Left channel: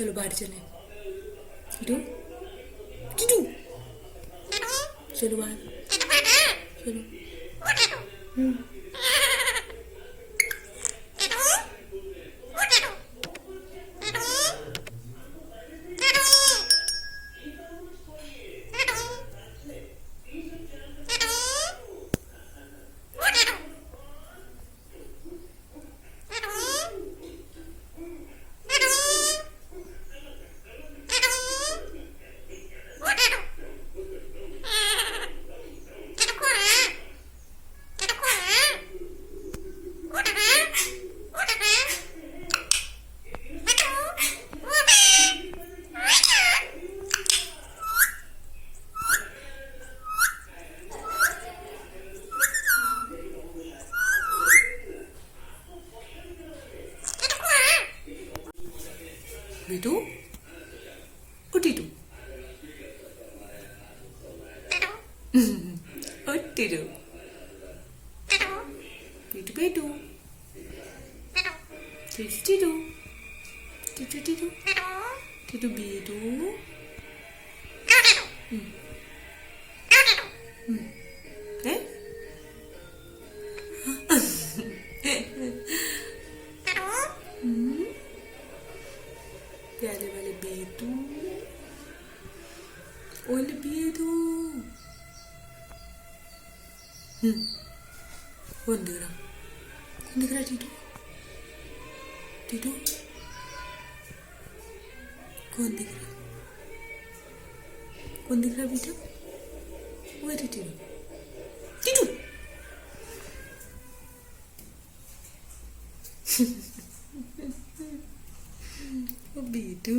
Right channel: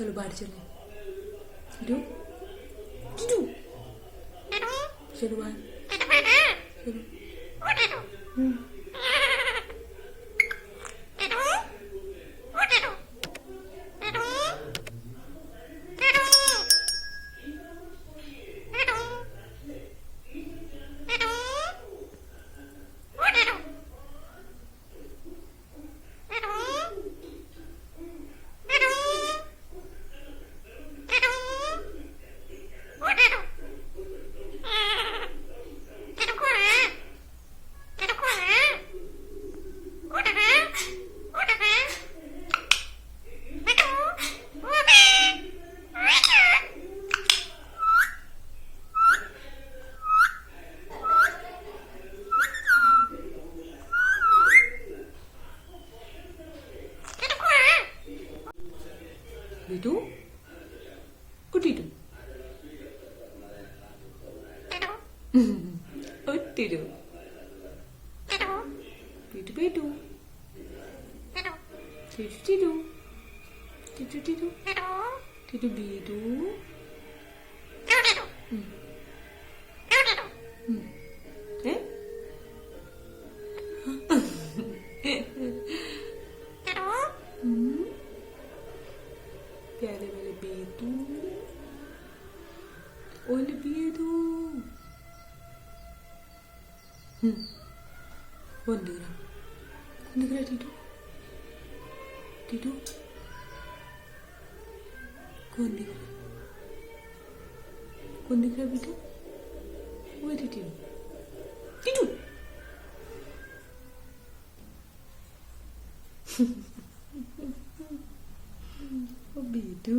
चलो बाहर चलें। टिटू टिटू चलो बाहर चलो। बिटू ओ टिटू ओ टिटू बिटू बिटू टिटू टिटू टिटू टिटू बिटू ए प्यारे वाले बेटू ओले बेटू कौन दिख रहा? कौन दिख रहा? टीटू टीटू कौन दिख रहा? कौन दिख रहा बेटा? वो टीटू टीटू ओ बेटू